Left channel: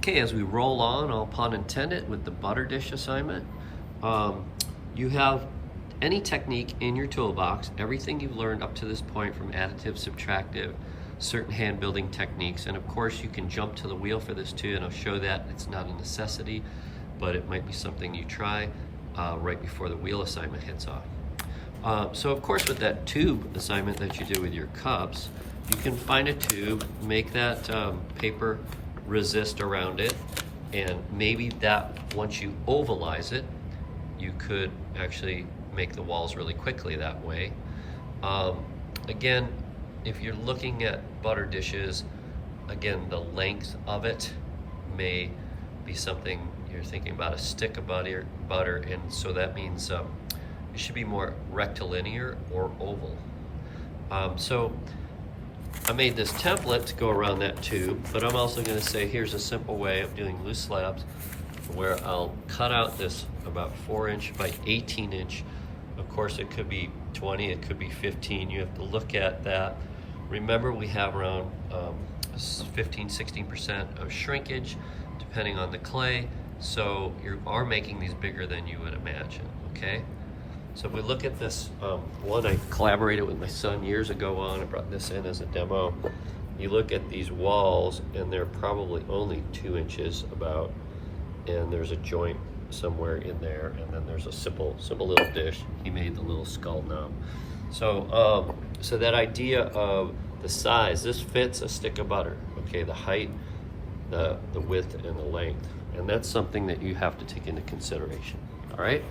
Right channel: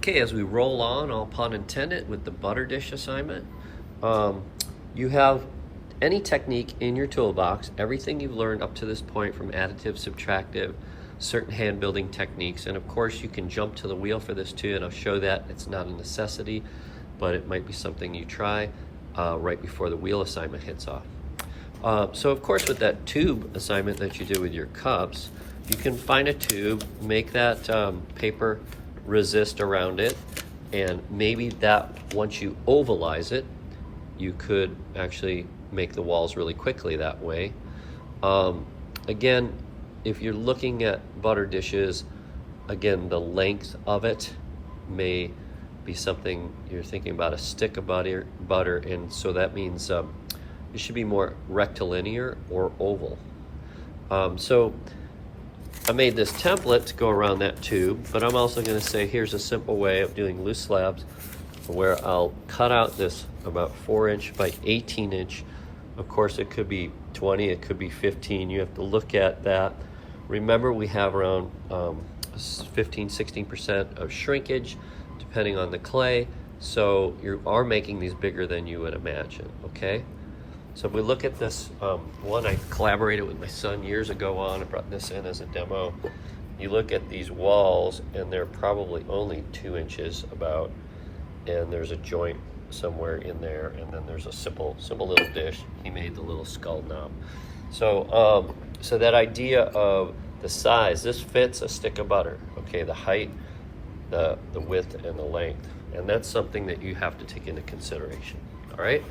Okay, as we roll on, all pun intended, with the butter dish assignment, you have any technique in your toolbox, everything you've learned up to this point from additive, subtractive, certain hand building techniques, and of course you can jump to the wheel for this too, and I'll show that it's not a necessity, but it might be something you try right before the wheel assignment hits off. So of course with that tube assignment that you do with your cups, you can find a tube, make that paper resist around it, and maybe that once you ovalize it, you could actually make the walls really quickly that way. Again, if you're looking at butter dishes, again, the length of it may be something you're thinking about, a stick of butter, and so that means it should be more rectilinear or oval. So I made this template to go around that tube, but I'm also going to say here's a simple way of doing loose slabs where I'll cut out this about 4" by 18". Of course it could be 20, it could be 15. You have to look at that. Remember, we have around 15-16% of shrinkage depending on the clay, so you are making these bigger than you would imagine. Okay, so if we look at this one I collaborated with my son years ago on, I brought this in as a demo. You look at these walls and they're probably only 2 inches about, and there's a joint somewhere in there, and then there's a simple little dish. He made the little skull knob. So so that idea of the size, this fits a stick of butter. Okay, the height, the width, and the length, and that's something that you have to take into consideration. All right.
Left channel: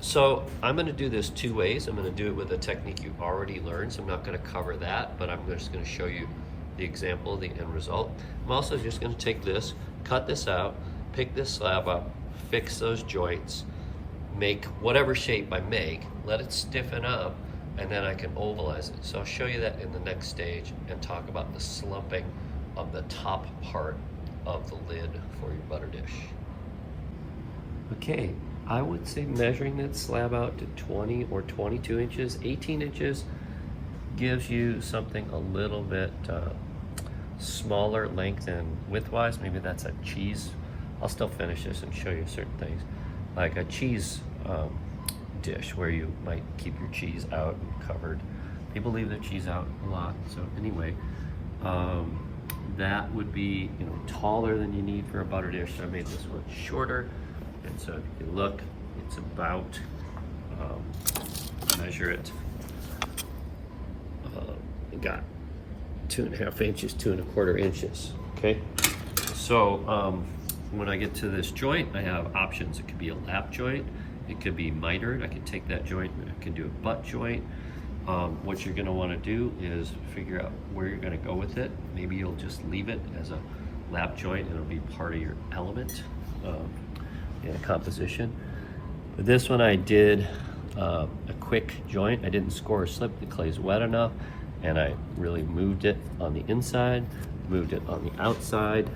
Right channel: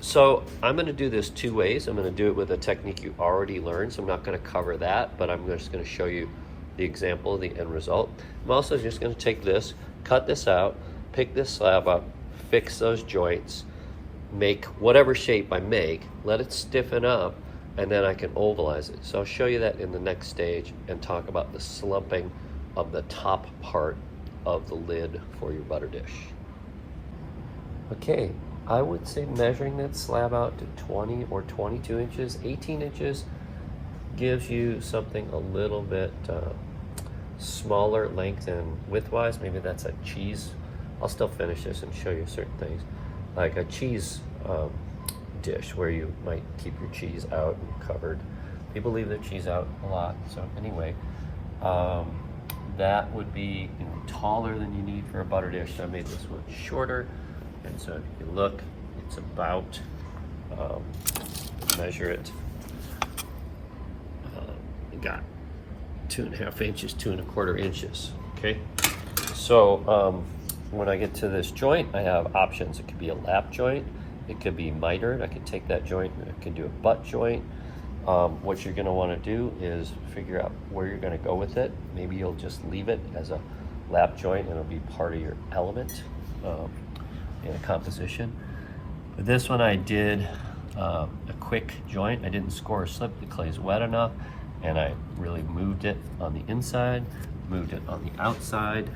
So I'm going to do this 2 ways. I'm going to do it with a technique you already learned, so I'm not going to cover that, but I'm just going to show you the example of the end result. I'm also just going to take this, cut this out, pick this slab up, fix those joints, make whatever shape I make, let it stiffen up, and then I can ovalize it. So I'll show you that in the next stage and talk about the slumping of the top part of the lid for your butter dish. Okay, I would say measuring that slab out to 20 or 22 inches, 18 inches gives you something a little bit smaller length and width-wise. Maybe that's a cheese. I'll still finish this and show you certain things, like a cheese dish where you might keep your cheese out and covered. People leave their cheese out a lot. So anyway, that would be taller than you need for a butter dish. So I made this one shorter. And so if you look, it's about, measure it, got 2.5 inches, 2¼ inches, okay? So when I get to this joint, I have options. It could be a lap joint, it could be mitered. I can take that joint, I can do a butt joint. What you're gonna wanna do is figure out where you're gonna go with it. Maybe you'll just leave it as a lap joint and it'll be part of your element in composition. With this one I did a quick joint. I didn't score or slip, the clay's wet enough, and I really moved it on the inside, moved it on the outside,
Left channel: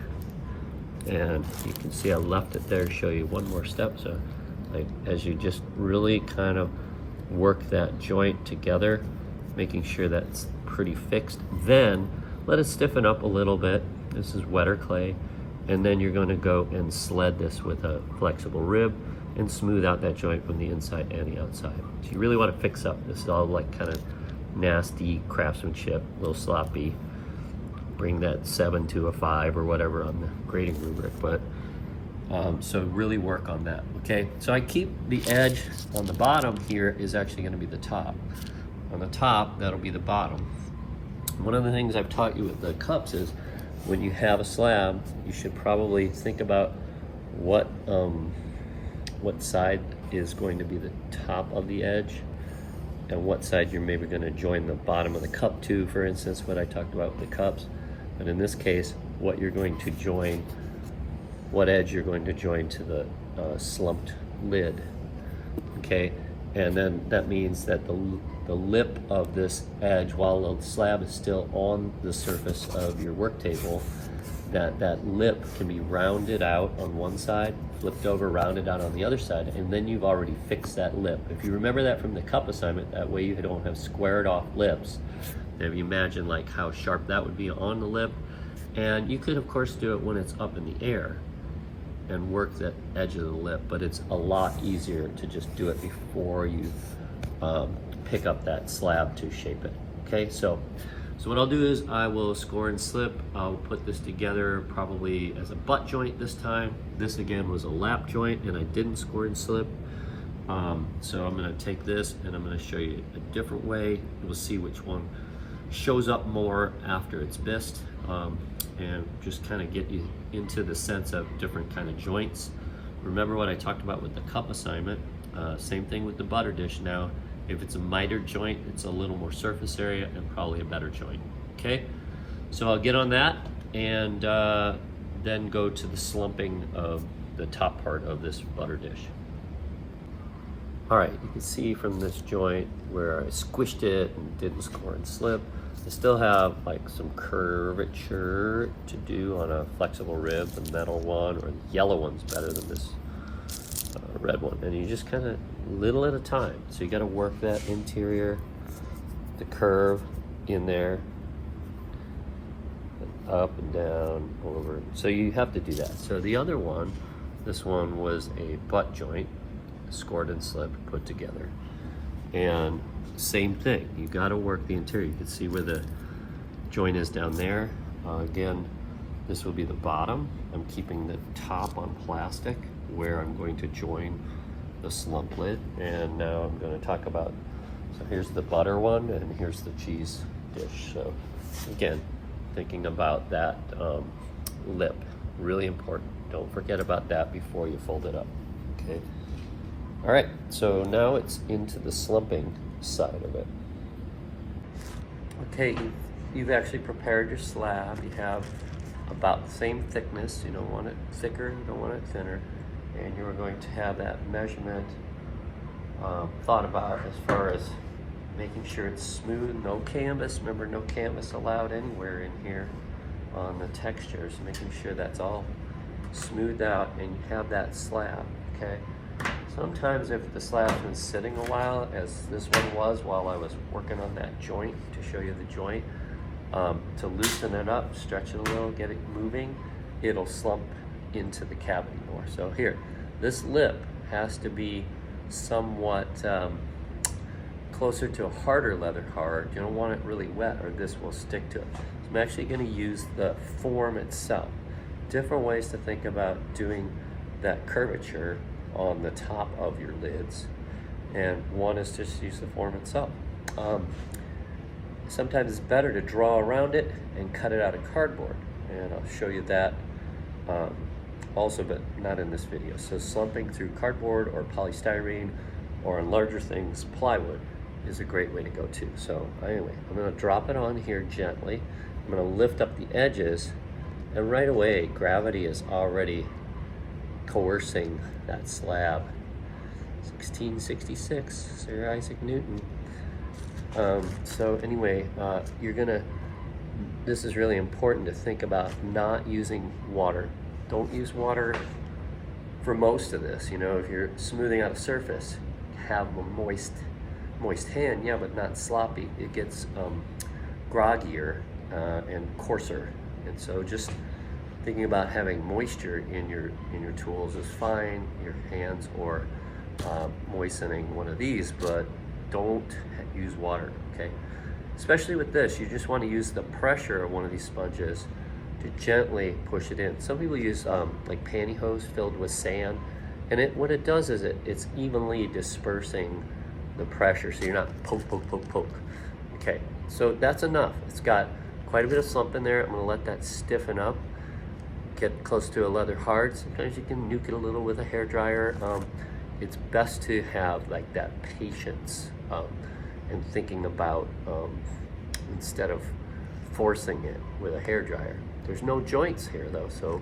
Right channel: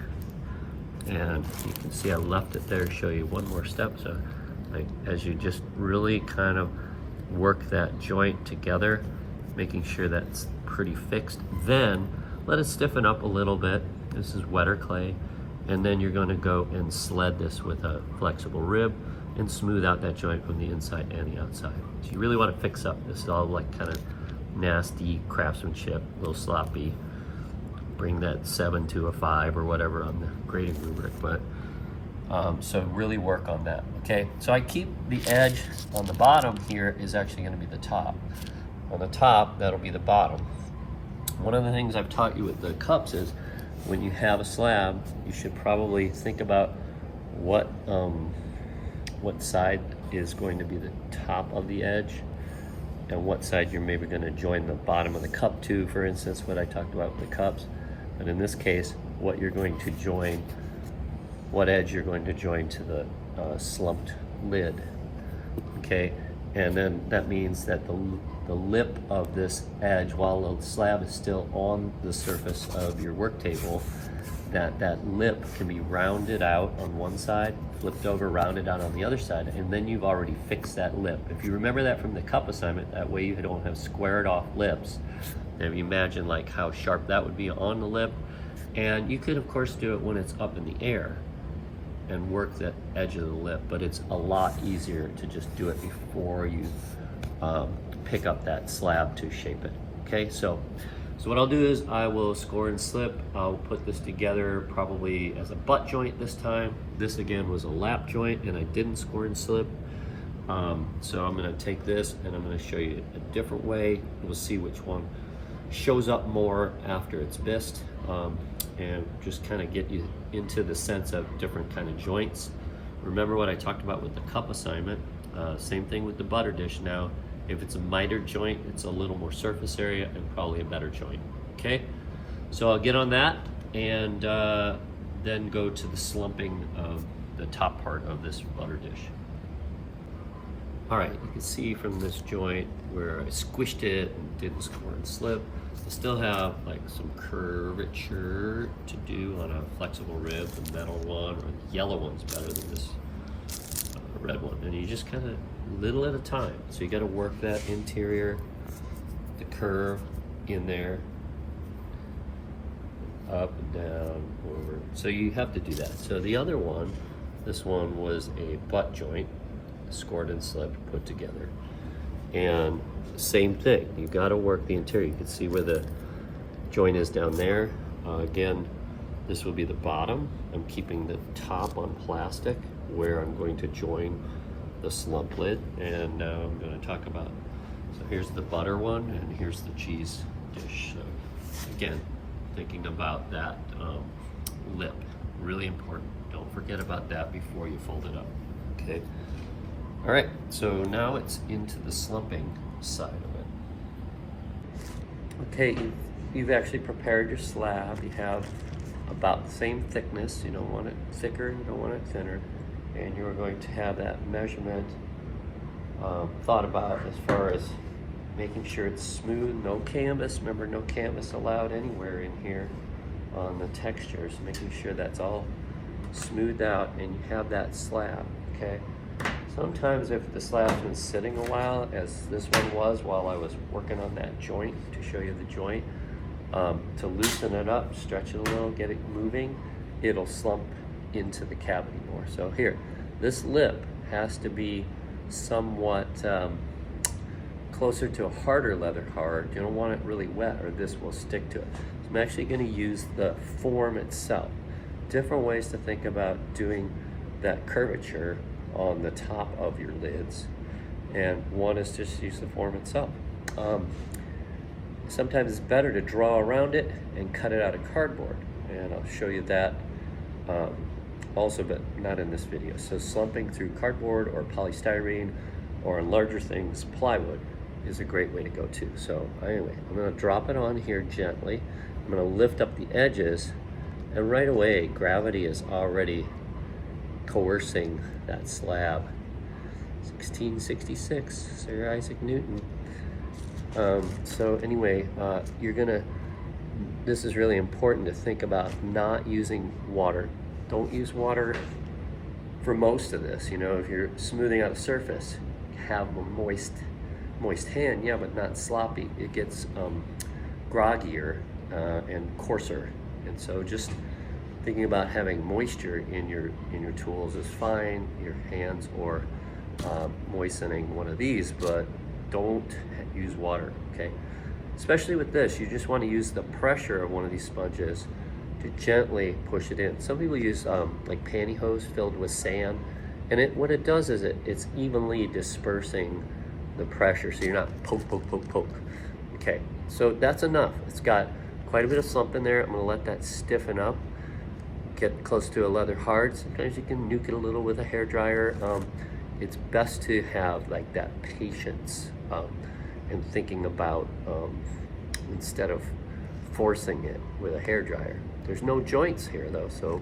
and you can see I left it there to show you one more step. So as you just really kind of work that joint together, making sure that's pretty fixed, then let it stiffen up a little bit. This is wetter clay. And then you're going to go and sled this with a flexible rib and smooth out that joint from the inside and the outside. So you really want to fix up. This is all like kind of nasty craftsmanship, a little sloppy. Bring that 7 to a 5 or whatever on the grading rubric. But so really work on that. Okay, so I keep the edge on the bottom here is actually going to be the top. On the top, that'll be the bottom. One of the things I've taught you with the cups is when you have a slab, you should probably think about what side is going to be the top of the edge and what side you're maybe going to join the bottom of the cup to, for instance, what I talked about with the cups. But in this case, what you're going to join, what edge you're going to join to the slumped lid, okay? And then that means that the lip of this edge, while the slab is still on the surface of your work table, that lip can be rounded out on one side, flipped over, rounded out on the other side, and then you've already fixed that lip. If you remember that from the cup assignment, that way you don't have squared off lips. And if you imagine like how sharp that would be on the lip, And you could of course do it when it's up in the air and work that edge of the lip, but it's a lot easier to just do it before you pick up that slab to shape it. Okay, so what I'll do is I will score and slip. I'll put this together probably as a butt joint this time. This again was a lap joint and I didn't score and slip. So I'm gonna take this and I'm gonna show you a different way. We'll see which one shows up more after it's bised, and just kind of get you into the sense of different kind of joints. Remember what I talked about with the cup assignment. Same thing with the butter dish now. If it's a mitered joint, it's a little more surface area and probably a better joint. Okay, so I'll get on that and then go to the slumping of the top part of this butter dish. All right, you can see from this joint where I squished it and didn't score and slip, I still have like some curvature to do on a flexible rib. The metal one or the yellow one's better than this red one. And you just kind of little at a time. So you got to work that interior, the curve in there, up and down, over. So you have to do that. So the other one, this one was a butt joint, scored and slipped, put together. And same thing, you got to work the interior. You can see where the joint is down there. Again, this will be the bottom. I'm keeping the top on plastic where I'm going to join the slump lid. And now I'm going to talk about, so here's the butter one and here's the cheese dish. So again, thinking about that lip, really important. Don't forget about that before you fold it up, okay? All right, so now it's into the slumping side of it. Okay, you've actually prepared your slab. You have about the same thickness. You don't want it thicker, you don't want it thinner. And you're going to have that measurement thought about as far as making sure it's smooth, no canvas. Remember, no canvas allowed anywhere in here on the textures. Making sure that's all smoothed out and you have that slab, okay? Sometimes if the slab's been sitting a while, as this one was while I was working on that joint, to show you the joint, to loosen it up, stretch it a little, get it moving, it'll slump into the cavity more. So here, this lip has to be somewhat closer to a harder leather card. You don't want it really wet or this will stick to it. I'm actually going to use the form itself. Different ways to think about doing that curvature on the top of your lids, and one is just use the form itself. Sometimes it's better to draw around it and cut it out of cardboard, and I'll show you that also, but not in this video. So slumping through cardboard or polystyrene, or on larger things, plywood, is a great way to go too. So anyway, I'm going to drop it on here gently. I'm going to lift up the edges, and right away gravity is already coercing that slab. 1666, Sir Isaac Newton. So anyway, this is really important to think about not using water. Don't use water for most of this. You know, if you're smoothing out a surface, have a moist hand, yeah, but not sloppy. It gets groggier and coarser. And so just thinking about having moisture in your tools is fine, your hands, or moistening one of these, but don't use water, okay? Especially with this, you just want to use the pressure of one of these sponges to gently push it in. Some people use like pantyhose filled with sand, and what it does is it's evenly dispersing the pressure, so you're not poke, poke, poke, poke. Okay, so that's enough. It's got quite a bit of slump in there. I'm gonna let that stiffen up, get close to a leather hard. Sometimes you can nuke it a little with a hair dryer. It's best to have like that patience and thinking about instead of forcing it with a hair dryer. There's no joints here though, so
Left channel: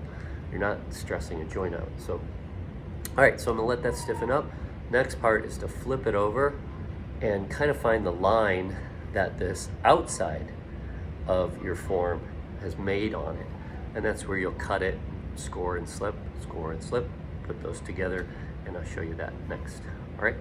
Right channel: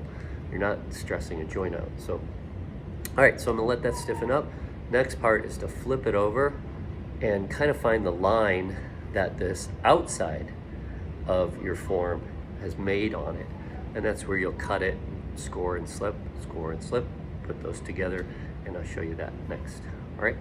you're not stressing a joint out. So, all right, so I'm gonna let that stiffen up. Next part is to flip it over and kind of find the line that this outside of your form has made on it. And that's where you'll cut it, score and slip, put those together, and I'll show you that next. All right.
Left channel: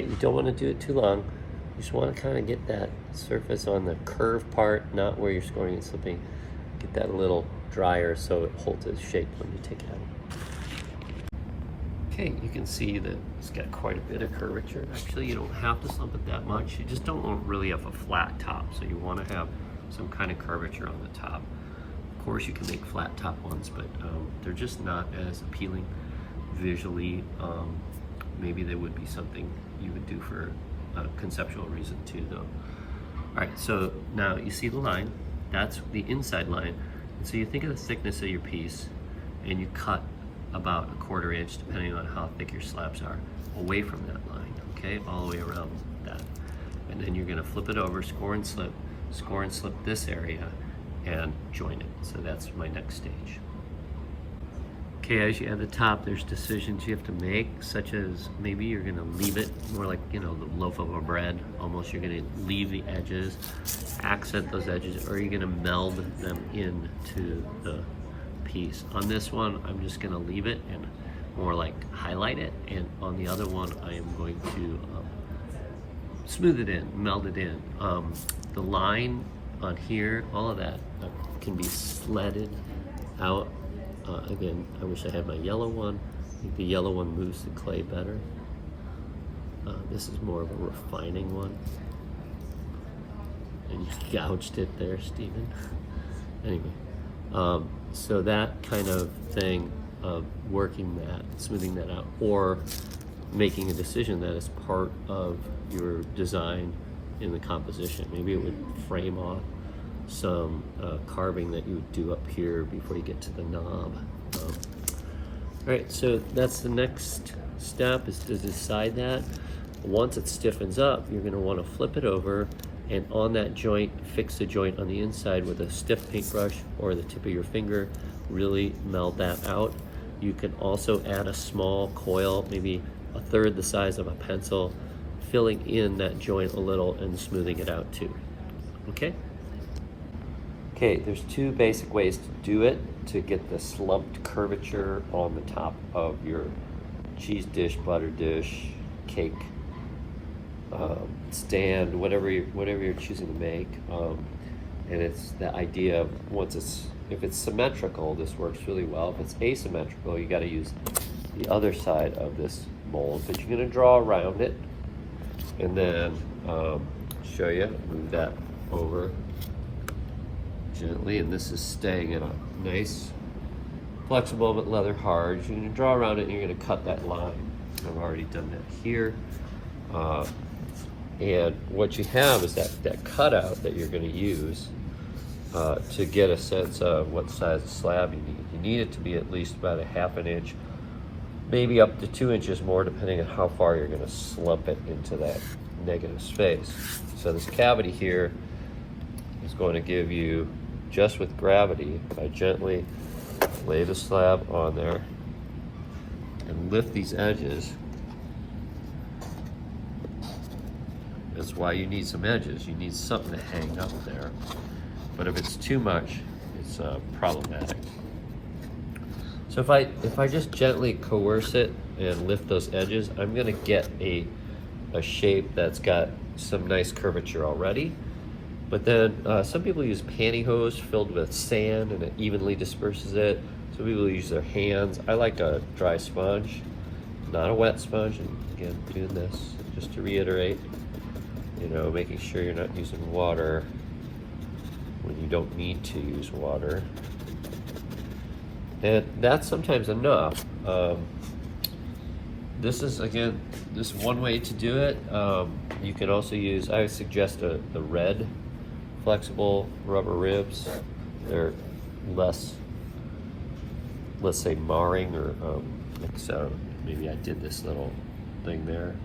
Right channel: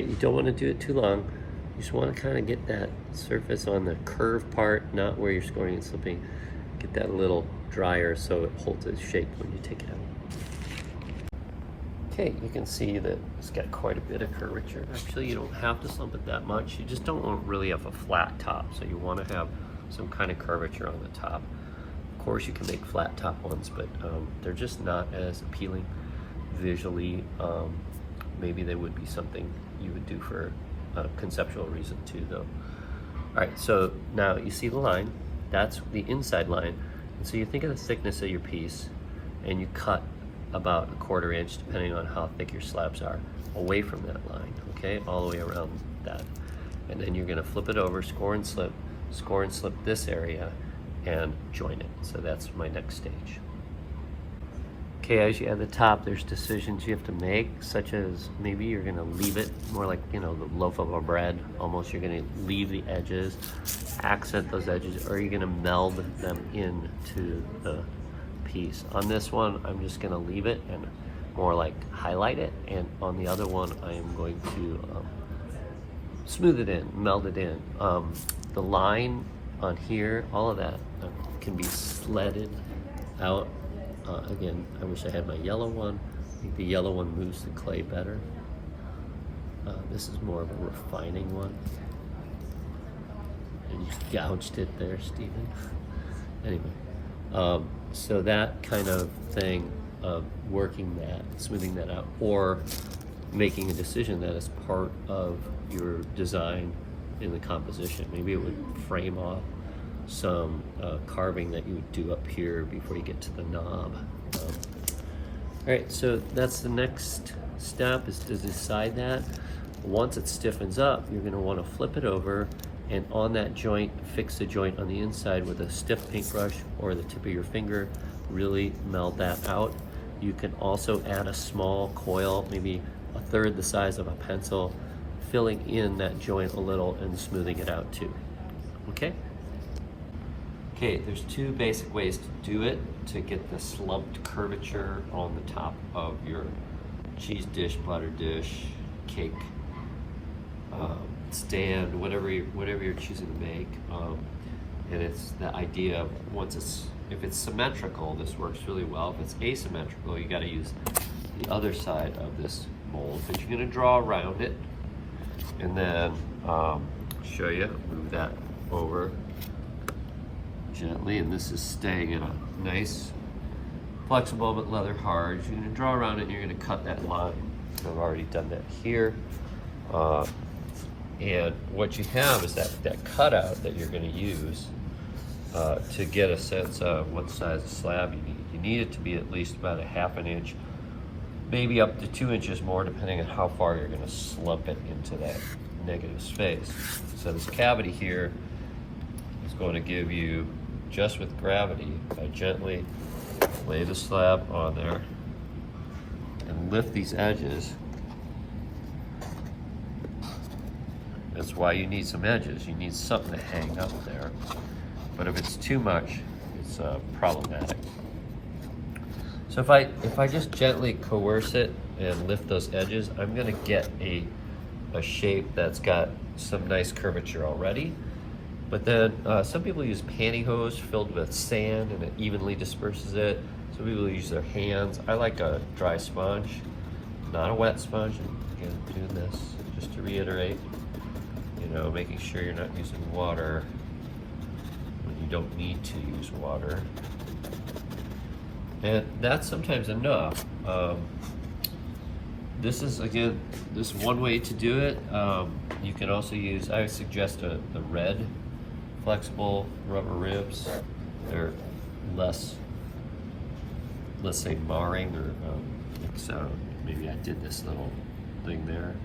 right, you don't want to do it too long. You just want to kind of get that surface on the curved part, not where you're scoring and slipping. Get that a little drier so it holds its shape when you take it out. Okay, you can see that it's got quite a bit of curvature. Actually, you don't have to slump it that much. You just don't really have a flat top, so you want to have some kind of curvature on the top. Of course, you can make flat top ones, but they're just not as appealing visually. Maybe they would be something you would do for a conceptual reason too, though. All right, so now you see the line. That's the inside line. And so you think of the thickness of your piece, and you cut about a 1/4 inch, depending on how thick your slabs are, away from that line, okay? All the way around that. And then you're gonna flip it over, score and slip this area, and join it. So that's my next stage. Okay, as you add the top, there's decisions you have to make, such as maybe you're gonna leave it more like, you know, the loaf of a bread, almost. You're gonna leave the edges, accent those edges, or you're gonna meld them into the piece. On this one, I'm just gonna leave it and more like highlight it, and on the other one, I am going to smooth it in, meld it in. The line on here, all of that can be sledded out. Again, I wish I had my yellow one. I think the yellow one moves the clay better. This is more of a refining one. And you gouged it there, Stephen. Anyway, so that kind of thing of working that, smoothing that out, or making a decision that is part of your design in the composition. Maybe it would frame off some carving that you would do up here before you get to the knob. All right, so that's the next step, is to decide that. Once it stiffens up, you're gonna wanna flip it over, and on that joint, fix the joint on the inside with a stiff paintbrush or the tip of your finger, really meld that out. You can also add a small coil, maybe 1/3 the size of a pencil, filling in that joint a little and smoothing it out too, okay? Okay, there's two basic ways to do it to get the slumped curvature on the top of your cheese dish, butter dish, cake, stand, whatever you're choosing to make. And it's the idea of if it's symmetrical, this works really well. If it's asymmetrical, you got to use the other side of this mold, but you're going to draw around it, and then show you, move that over gently, and this is staying in a nice, flexible but leather hard. You're going to draw around it, and you're going to cut that line. I've already done that here. And what you have is that cutout that you're going to use to get a sense of what size of slab you need. You need it to be at least about a 1/2 inch, maybe up to 2 inches more, depending on how far you're going to slump it into that negative space. So this cavity here is going to give you, just with gravity, I gently lay the slab on there and lift these edges. That's why you need some edges. You need something to hang up there. But if it's too much, it's problematic. So if I just gently coerce it and lift those edges, I'm gonna get a shape that's got some nice curvature already. But then some people use pantyhose filled with sand, and it evenly disperses it. Some people use their hands. I like a dry sponge, not a wet sponge. And again, doing this just to reiterate, you know, making sure you're not using water when you don't need to use water. And that's sometimes enough. This is, again, this one way to do it. You can also use, I would suggest the red flexible rubber ribs. They're less, let's say, marring, or so maybe I did this little thing there.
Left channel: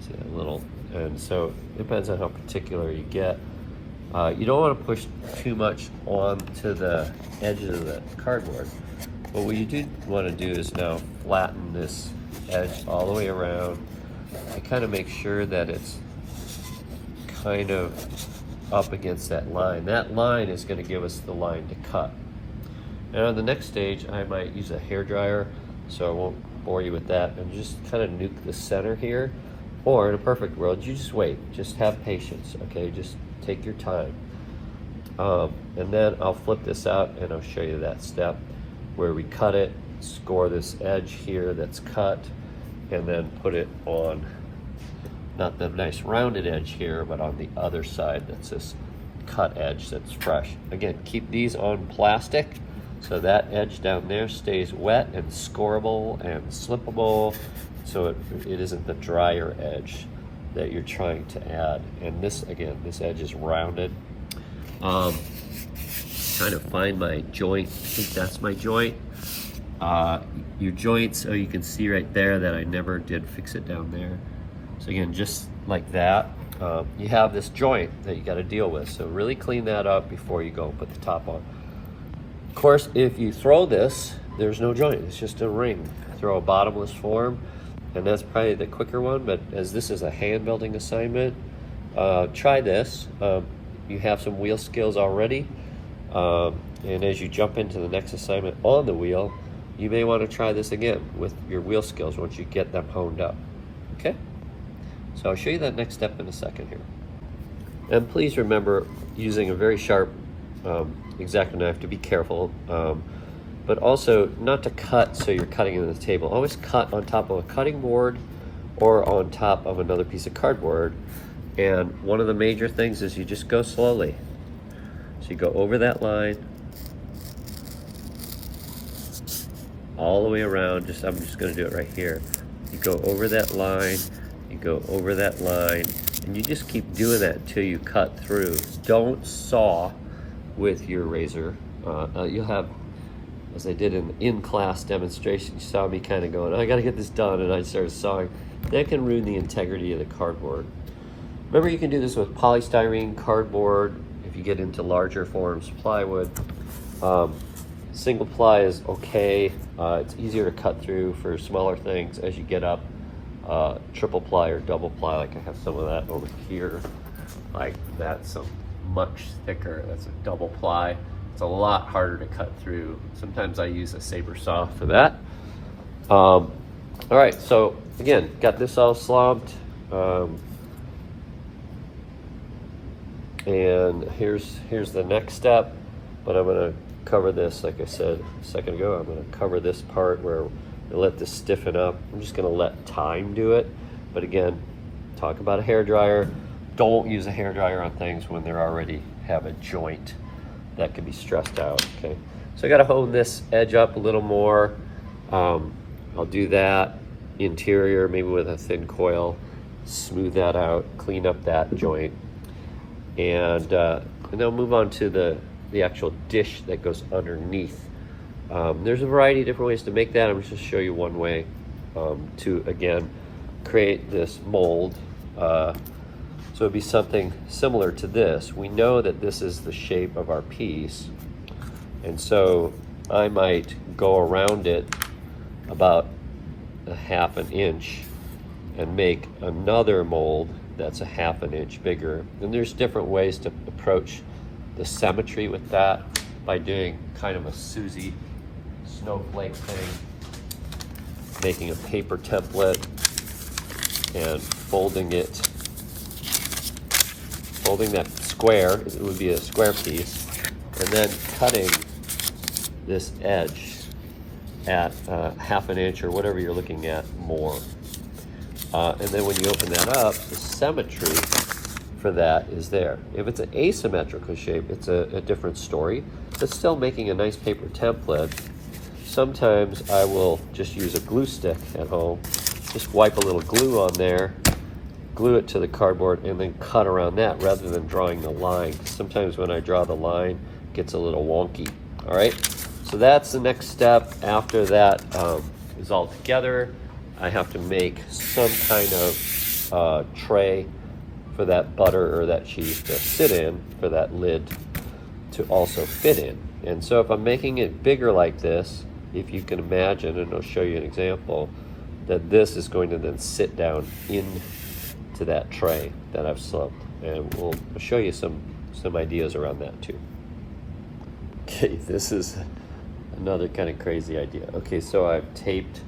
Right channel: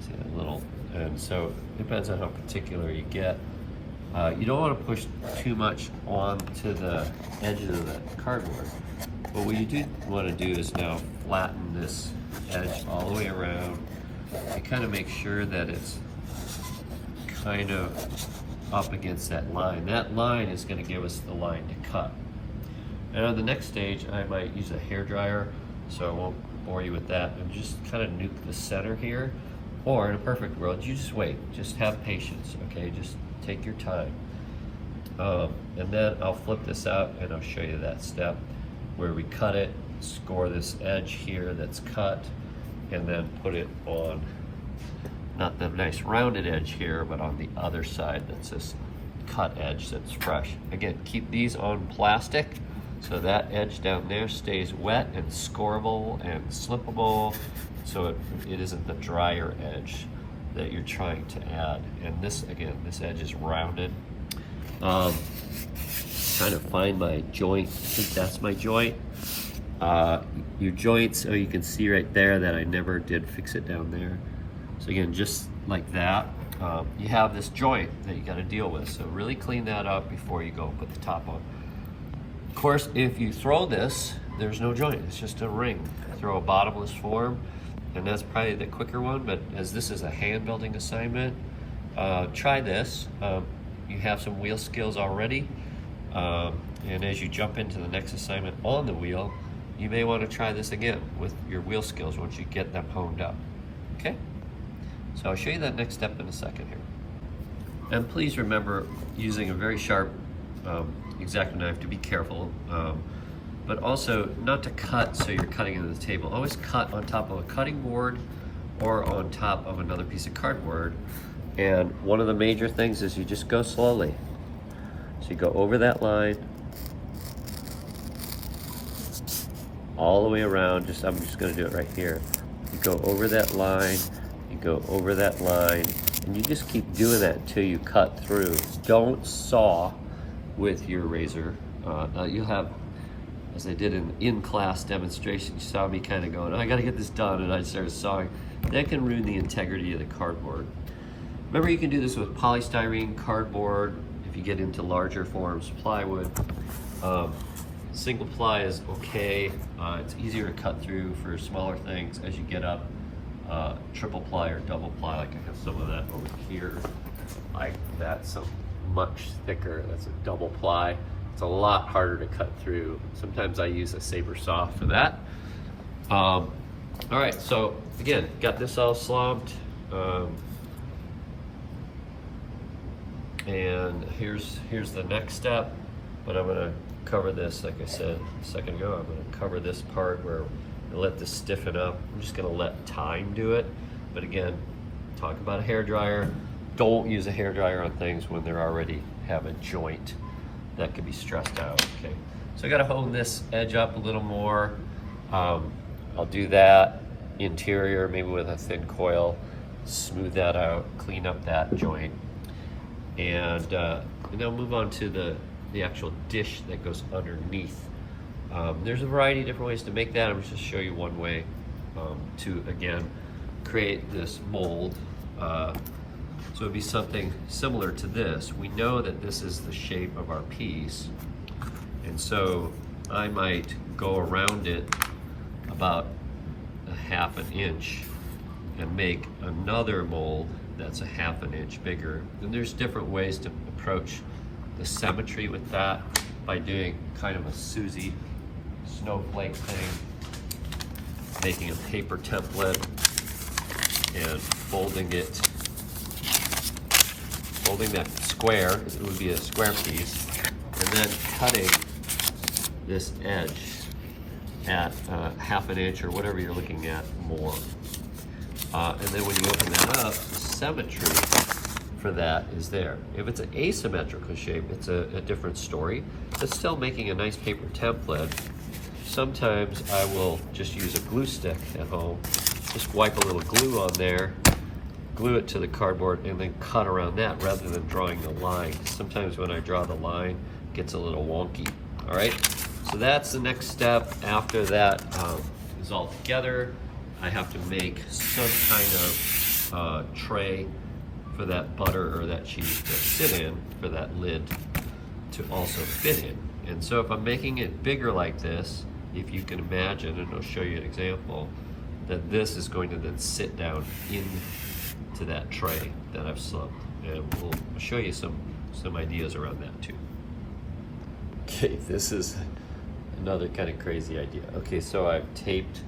See that little, and so it depends on how particular you get. You don't want to push too much onto the edges of the cardboard. But what you do want to do is now flatten this edge all the way around and kind of make sure that it's kind of up against that line. That line is going to give us the line to cut. And on the next stage, I might use a hairdryer, so I won't bore you with that. And just kind of nuke the center here Or in a perfect world, you just wait, just have patience, okay? Just take your time. And then I'll flip this out and I'll show you that step where we cut it, score this edge here that's cut, and then put it on, not the nice rounded edge here, but on the other side that's this cut edge that's fresh. Again, keep these on plastic so that edge down there stays wet and scoreable and slippable, so it isn't the drier edge that you're trying to add. And this, again, this edge is rounded. Trying to find my joint. I think that's my joint. Your joint, so you can see right there that I never did fix it down there. So again, just like that, you have this joint that you got to deal with. So really clean that up before you go put the top on. Of course, if you throw this, there's no joint. It's just a ring. Throw a bottomless form, and that's probably the quicker one. But as this is a hand building assignment, try this. You have some wheel skills already, and as you jump into the next assignment on the wheel, you may want to try this again with your wheel skills once you get them honed up. Okay? So I'll show you that next step in a second here. And please remember, using a very sharp X-Acto knife, to be careful, but also not to cut so you're cutting into the table. Always cut on top of a cutting board or on top of another piece of cardboard. And one of the major things is you just go slowly. So you go over that line, all the way around. I'm just gonna do it right here. You go over that line, you go over that line, and you just keep doing that until you cut through. Don't saw with your razor. You'll have, as I did in in-class demonstration, you saw me kind of going, oh, I gotta get this done, and I started sawing. That can ruin the integrity of the cardboard. Remember, you can do this with polystyrene, cardboard, if you get into larger forms, plywood. Single ply is okay. It's easier to cut through for smaller things. As you get up, triple ply or double ply, like I have some of that over here, like that's much thicker. That's a double ply. It's a lot harder to cut through. Sometimes I use a saber saw for that. All right, so again, got this all slobbed. And here's the next step, but I'm gonna cover this, like I said a second ago, I'm gonna cover this part where I let this stiffen up. I'm just gonna let time do it. But again, talk about a hairdryer. Don't use a hairdryer on things when they already have a joint that can be stressed out, okay? So I gotta hone this edge up a little more. I'll do that interior, maybe with a thin coil, smooth that out, clean up that joint. And then I'll move on to the actual dish that goes underneath. There's a variety of different ways to make that. I'm just gonna show you one way to, again, create this mold. So it'd be something similar to this. We know that this is the shape of our piece, and so I might go around it about a half an inch and make another mold that's a half an inch bigger. And there's different ways to approach the symmetry with that by doing kind of a Susie snowflake thing, making a paper template and folding that square, it would be a square piece, and then cutting this edge at half an inch or whatever you're looking at more. And then when you open that up, the symmetry for that is there. If it's an asymmetrical shape, it's a different story. It's still making a nice paper template. Sometimes I will just use a glue stick at home, just wipe a little glue on there, glue it to the cardboard, and then cut around that rather than drawing the line. Sometimes when I draw the line, it gets a little wonky. All right, so that's the next step. After that is all together, I have to make some kind of tray for that butter or that cheese to sit in, for that lid to also fit in. And so if I'm making it bigger like this, if you can imagine, and I'll show you an example, that this is going to then sit down into that tray that I've slumped. And we'll show you some ideas around that too. Okay, this is another kind of crazy idea. Okay, so I've taped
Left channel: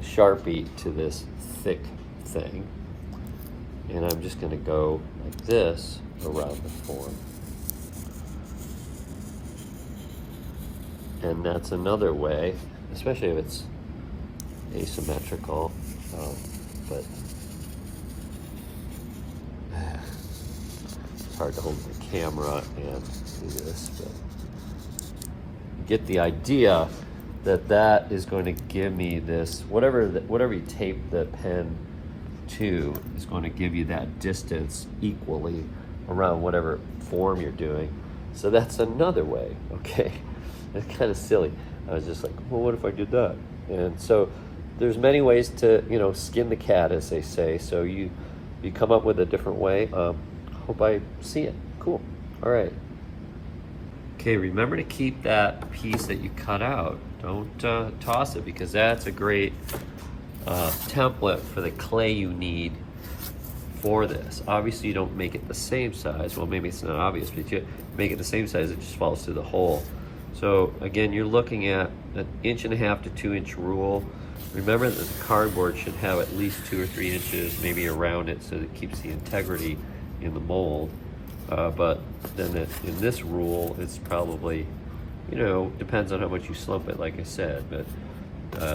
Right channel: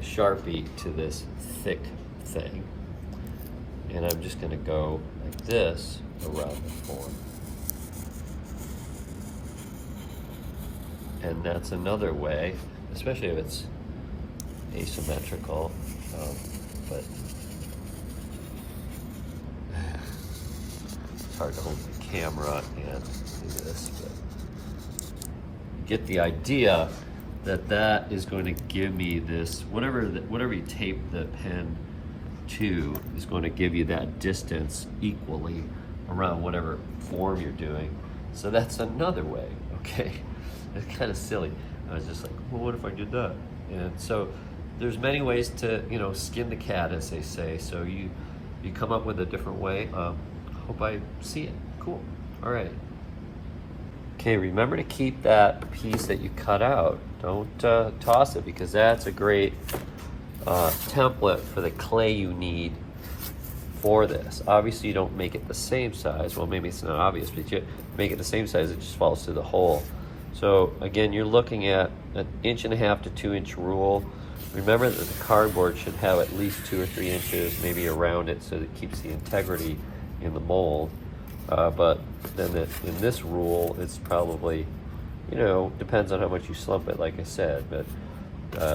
Sharpie to this thick thing. and I'm just going to go like this around the form. And that's another way, especially if it's asymmetrical, but it's hard to hold the camera and do this, but you get the idea that that is going to give me this, whatever you tape the pen to is going to give you that distance equally around whatever form you're doing. So that's another way, okay? That's kind of silly. I was just like, well, what if I did that? And so there's many ways to, you know, skin the cat, as they say. So you come up with a different way. Hope I see it. Cool. All right. Okay, remember to keep that piece that you cut out. Don't toss it, because that's a great template for the clay you need for this. Obviously, you don't make it the same size. Well, maybe it's not obvious, but you make it the same size, it just falls through the hole. So again, you're looking at an 1.5 to 2 inch rule. Remember that the cardboard should have at least 2 or 3 inches maybe around it, so that it keeps the integrity in the mold. But then in this rule, it's probably, you know, depends on how much you slump it, like I said, but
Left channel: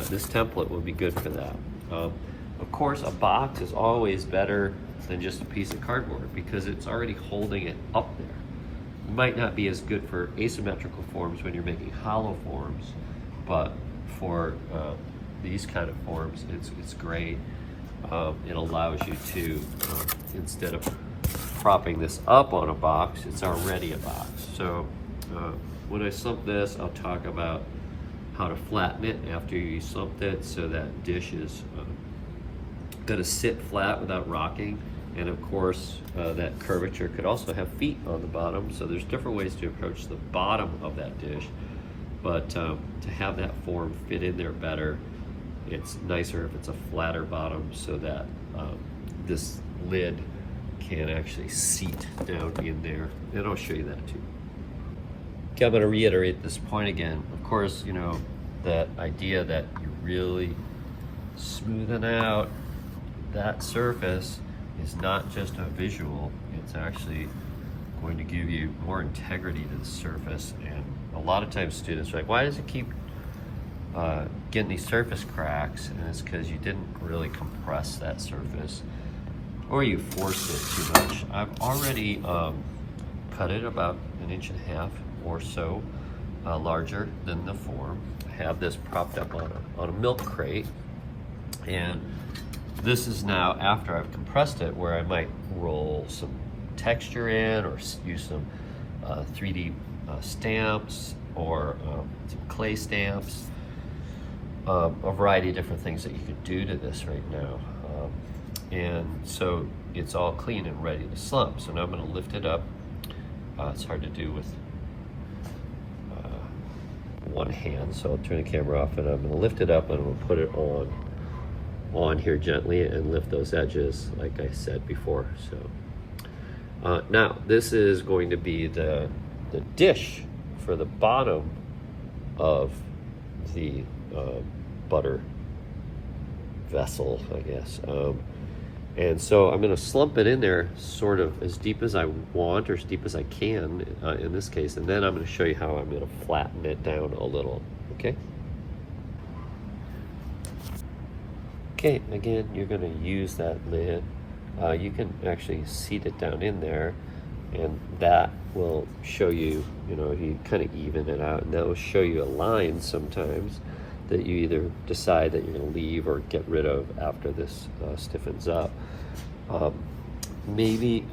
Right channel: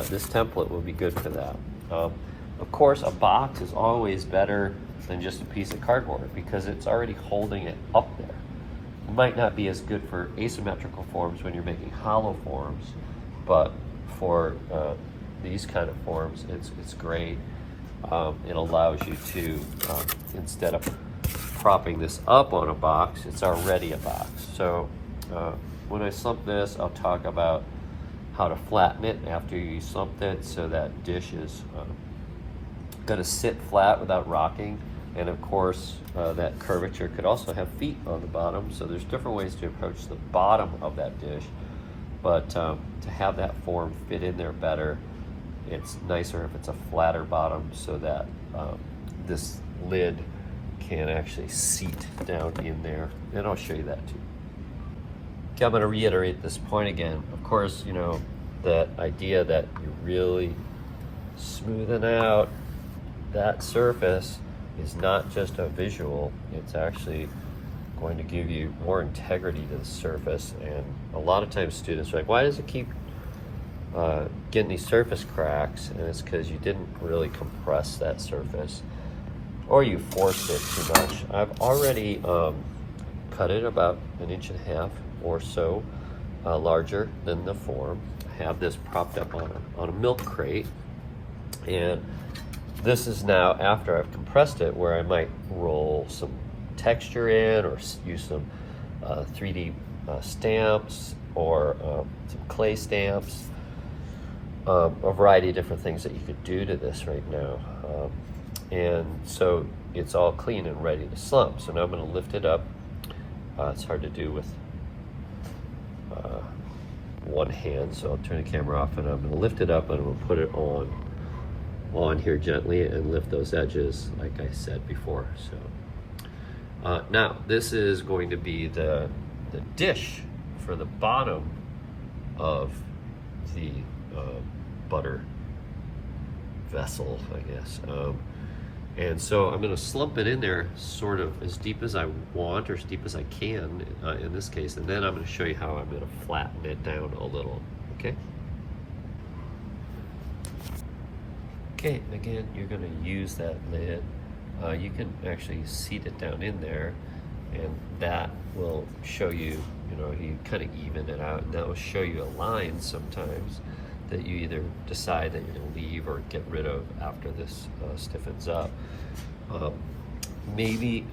this template will be good for that. Of course, a box is always better than just a piece of cardboard, because it's already holding it up there. It might not be as good for asymmetrical forms when you're making hollow forms, but for these kind of forms, it's great. It allows you to, instead of propping this up on a box, it's already a box. So when I slump this, I'll talk about how to flatten it after you slumped it, so that dish is going to sit flat without rocking. And of course, that curvature could also have feet on the bottom. So there's different ways to approach the bottom of that dish. But to have that form fit in there better, it's nicer if it's a flatter bottom, so that this lid can actually seat down in there. And I'll show you that too. Okay, I'm going to reiterate this point again. Of course, you know, that idea that you really smoothing out that surface is not just a visual, it's actually going to give you more integrity to the surface. And a lot of times students are like, why does it keep getting these surface cracks? And it's because you didn't really compress that surface, or you forced it too much. I've already cut it about 1.5 inches or so larger than the form. I have this propped up on a milk crate, and this is now after I've compressed it, where I might roll some texture in, or use some 3D stamps, or some clay stamps, a variety of different things that you could do to this right now. And so it's all clean and ready to slump. So now I'm going to lift it up. It's hard to do with one hand, so I'll turn the camera off, and I'm going to lift it up, and I'm going to put it on here gently and lift those edges like I said before. So now this is going to be the dish for the bottom of the butter vessel, I guess. And so I'm going to slump it in there sort of as deep as I want, or as deep as I can in this case, and then I'm going to show you how I'm going to flatten it down a little. Okay? Okay, again, you're going to use that lid. You can actually seat it down in there, and that will show you, you know, you kind of even it out, and that will show you a line sometimes that you either decide that you're going to leave or get rid of after this stiffens up. Maybe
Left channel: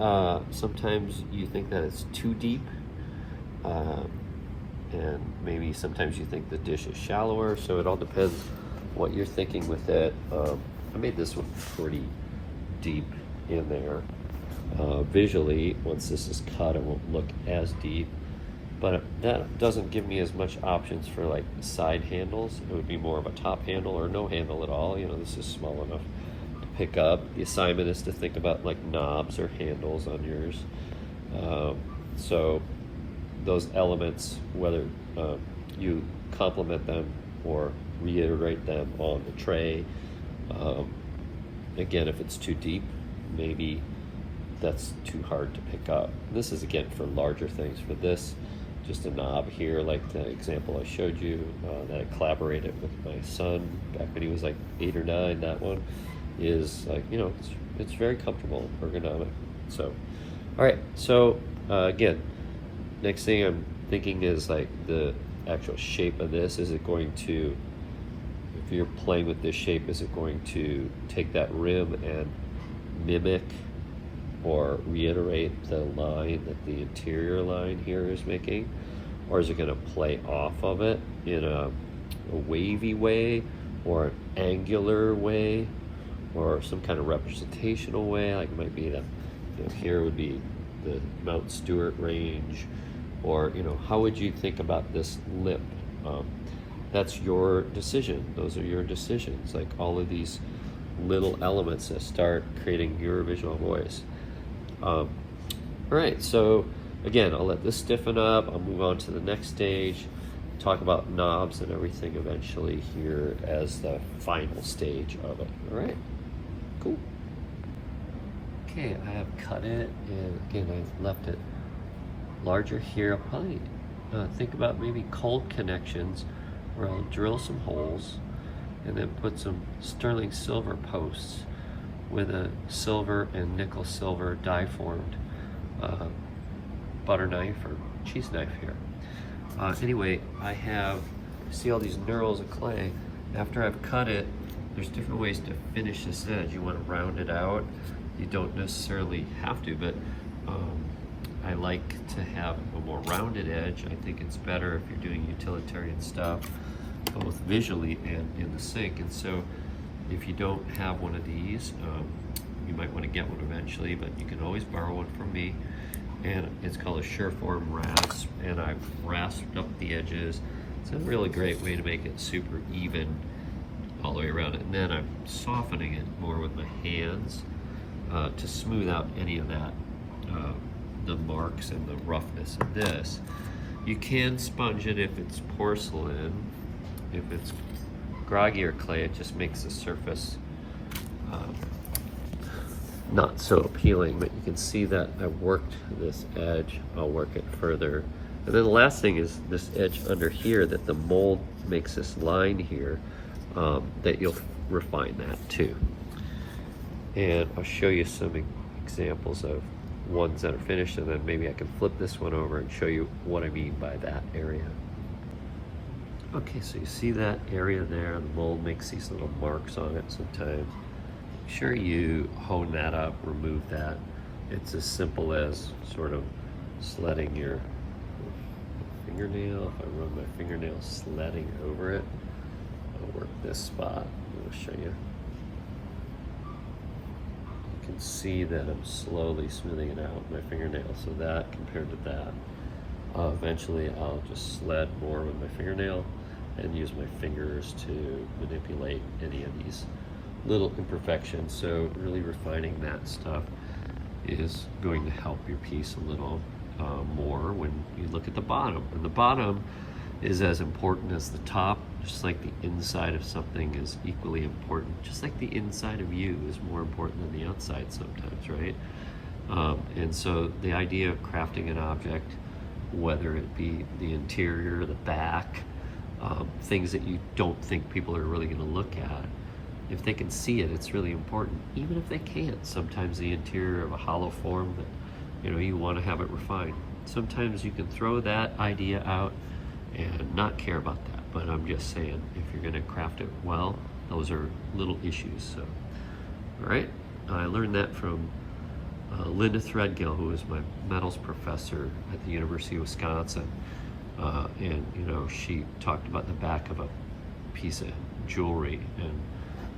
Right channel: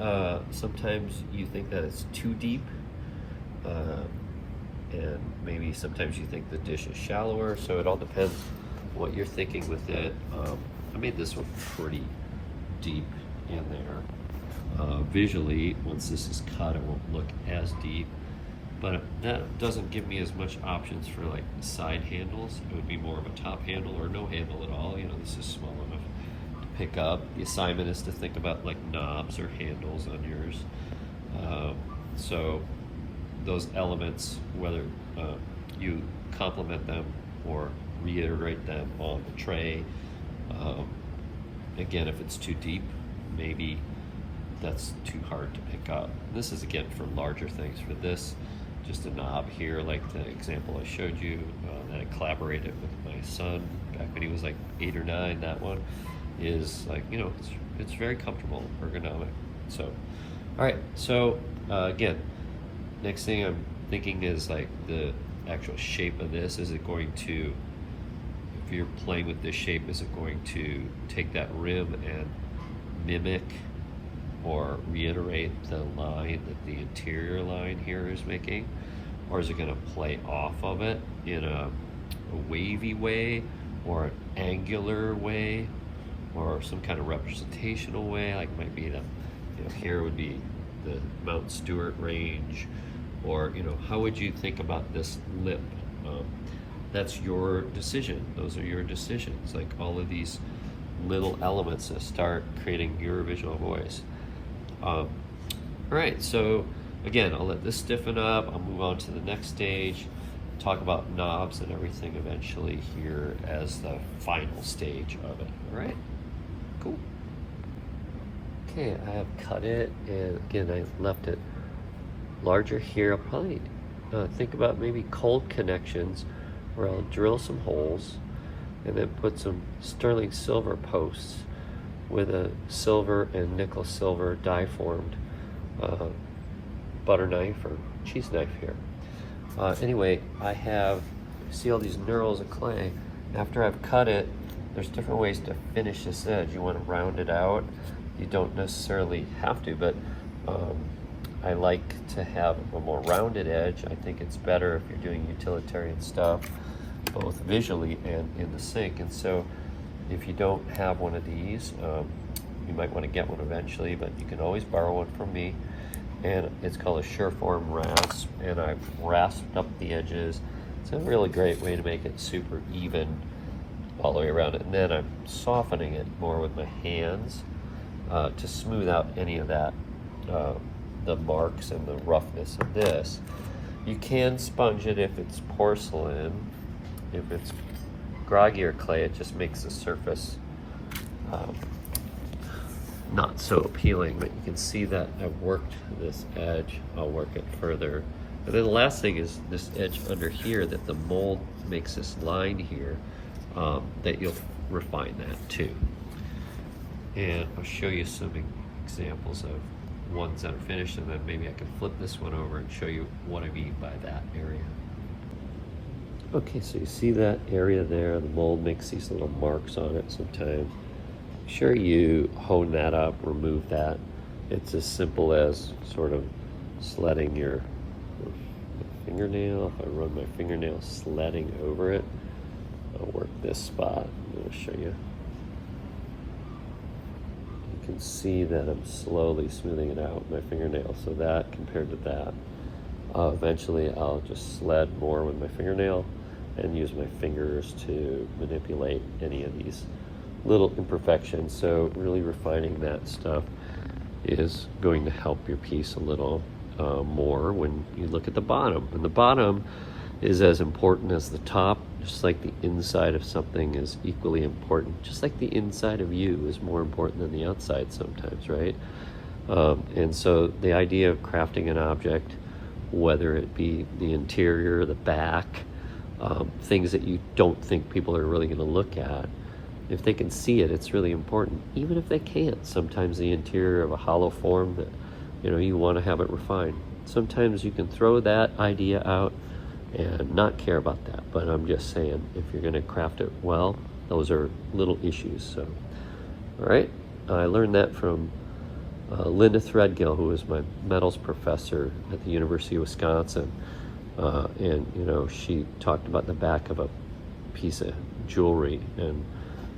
sometimes you think that it's too deep, and maybe sometimes you think the dish is shallower, so it all depends what you're thinking with that. I made this one pretty deep in there. Visually, once this is cut, it won't look as deep, but that doesn't give me as much options for like side handles. It would be more of a top handle or no handle at all. You know, this is small enough to pick up. The assignment is to think about like knobs or handles on yours. So those elements, whether you complement them or reiterate them on the tray. Again, if it's too deep, maybe that's too hard to pick up. This is again for larger things. For this, just a knob here, like the example I showed you that I collaborated with my son back when he was like 8 or 9. That one is like, you know, it's very comfortable, ergonomic. So, all right. So again, next thing I'm thinking is like the actual shape of this. Is it going to, if you're playing with this shape, is it going to take that rim and mimic or reiterate the line that the interior line here is making? Or is it going to play off of it in a wavy way, or an angular way, or some kind of representational way? Like it might be, here would be the Mount Stewart range, or, you know, how would you think about this lip? That's your decision. Those are your decisions. Like all of these little elements that start creating your visual voice. All right, so again, I'll let this stiffen up. I'll move on to the next stage, talk about knobs and everything eventually here as the final stage of it. All right, cool. Okay, I have cut it, and again, I left it larger here. I'll probably think about maybe cold connections where I'll drill some holes and then put some sterling silver posts with a silver and nickel silver die formed butter knife or cheese knife here. Anyway, I have, see all these knurls of clay. After I've cut it, there's different ways to finish this edge. You want to round it out. You don't necessarily have to, but I like to have a more rounded edge. I think it's better if you're doing utilitarian stuff, both visually and in the sink. And so if you don't have one of these, you might want to get one eventually, but you can always borrow one from me. And it's called a Sureform rasp, and I've rasped up the edges. It's a really great way to make it super even all the way around it. And then I'm softening it more with my hands to smooth out any of that, the marks and the roughness of this. You can sponge it if it's porcelain. If it's groggier clay, it just makes the surface not so appealing, but you can see that I've worked this edge. I'll work it further. And then the last thing is this edge under here, that the mold makes this line here, that you'll refine that too. And I'll show you some examples of ones that are finished, and then maybe I can flip this one over and show you what I mean by that area. Okay, so you see that area there, the mold makes these little marks on it sometimes. Make sure you hone that up, remove that. It's as simple as sort of sledding your fingernail. If I run my fingernail sledding over it, I'll work this spot. I'm going to show you. You can see that I'm slowly smoothing it out with my fingernail. So that compared to that, eventually I'll just sled more with my fingernail and use my fingers to manipulate any of these little imperfections. So really refining that stuff is going to help your piece a little more when you look at the bottom. And the bottom is as important as the top, just like the inside of something is equally important, just like the inside of you is more important than the outside sometimes, right? And so the idea of crafting an object, whether it be the interior, the back, things that you don't think people are really going to look at, if they can see it, it's really important. Even if they can't, sometimes the interior of a hollow form that, you know, you want to have it refined. Sometimes you can throw that idea out and not care about that. But I'm just saying, if you're going to craft it well, those are little issues. So, all right, I learned that from Linda Threadgill, who was my metals professor at the University of Wisconsin. And, you know, she talked about the back of a piece of jewelry, and,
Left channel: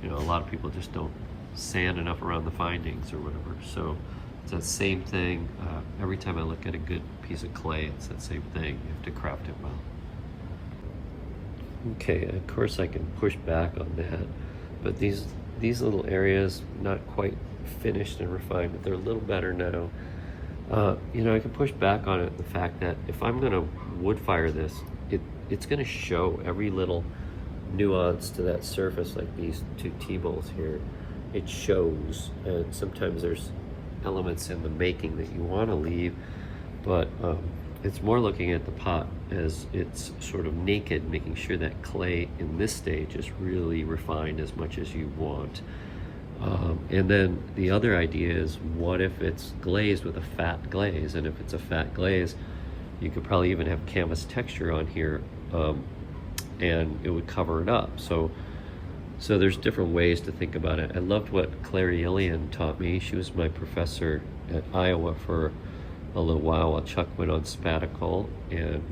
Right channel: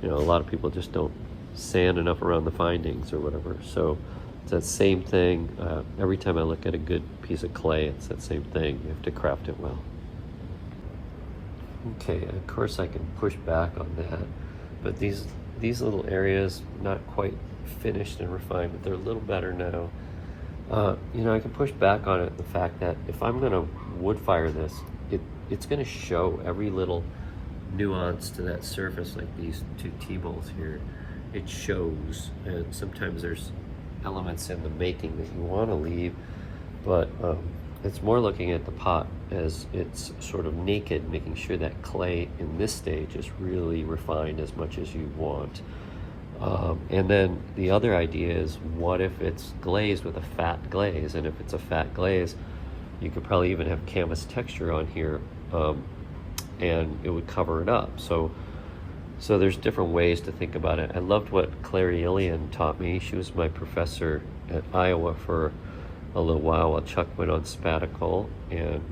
you know, a lot of people just don't sand enough around the findings or whatever. So it's that same thing. Every time I look at a good piece of clay, it's that same thing. You have to craft it well. Okay, and of course I can push back on that, but these little areas, not quite finished and refined, but they're a little better now. You know, I can push back on it, the fact that if I'm gonna wood fire this, it's gonna show every little nuance to that surface, like these two T-bolts here. it shows, and sometimes there's elements in the making that you want to leave, but it's more looking at the pot as it's sort of naked, making sure that clay in this stage is really refined as much as you want. And then the other idea is, what if it's glazed with a fat glaze? And if it's a fat glaze, you could probably even have canvas texture on here, and it would cover it up. So there's different ways to think about it. I loved what Clary Ilian taught me. She was my professor at Iowa for a little while Chuck went on sabbatical, and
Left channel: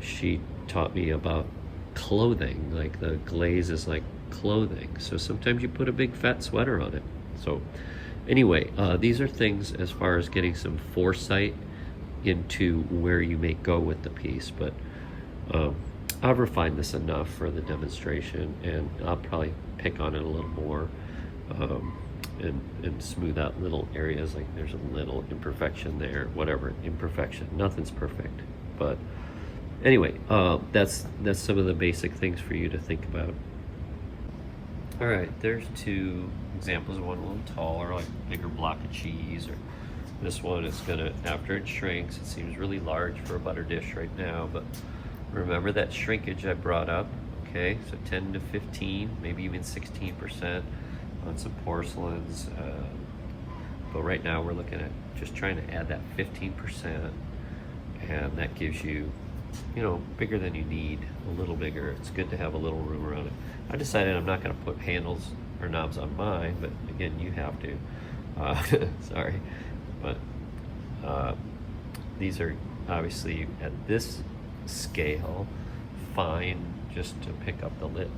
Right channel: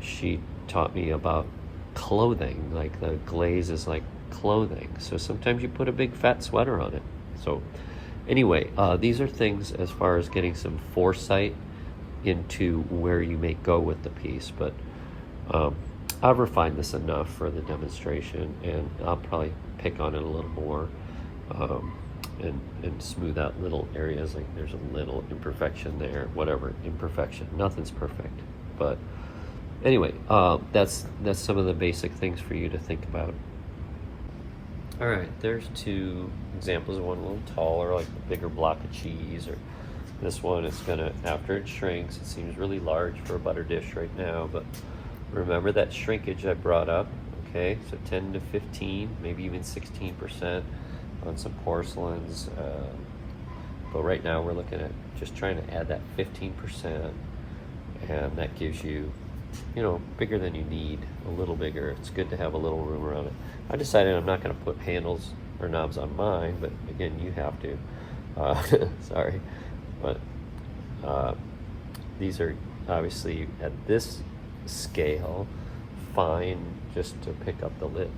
she taught me about clothing. Like, the glaze is like clothing. So sometimes you put a big fat sweater on it. So anyway, these are things as far as getting some foresight into where you may go with the piece, but I've refined this enough for the demonstration, and I'll probably pick on it a little more, and smooth out little areas. Like, there's a little imperfection there, whatever, imperfection, nothing's perfect. But anyway, that's some of the basic things for you to think about. All right, there's two examples. One a little taller, like a bigger block of cheese, or this one is gonna, after it shrinks, it seems really large for a butter dish right now, but remember that shrinkage I brought up, okay? So 10 to 15, maybe even 16% on some porcelains. But right now we're looking at just trying to add that 15%, and that gives you, bigger than you need, a little bigger. It's good to have a little room around it. I decided I'm not going to put handles or knobs on mine, but again, you have to. Sorry. But these are obviously at this scale fine, just to pick up the lid.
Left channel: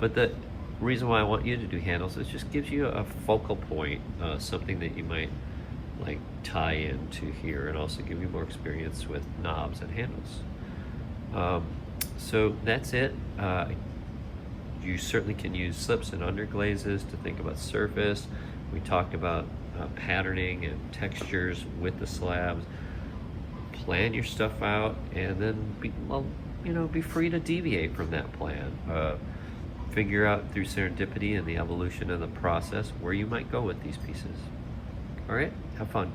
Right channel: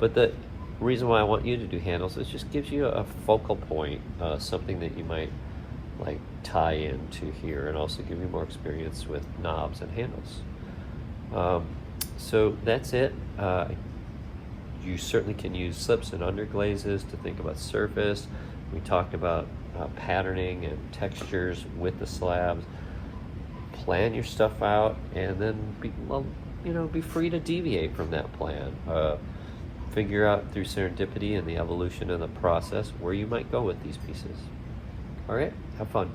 But the reason why I want you to do handles is just gives you a focal point, something that you might like tie into here, and also give you more experience with knobs and handles. So that's it. You certainly can use slips and underglazes to think about surface. We talked about patterning and textures with the slabs. Plan your stuff out, and then be free to deviate from that plan. Figure out through serendipity and the evolution of the process where you might go with these pieces. All right, have fun.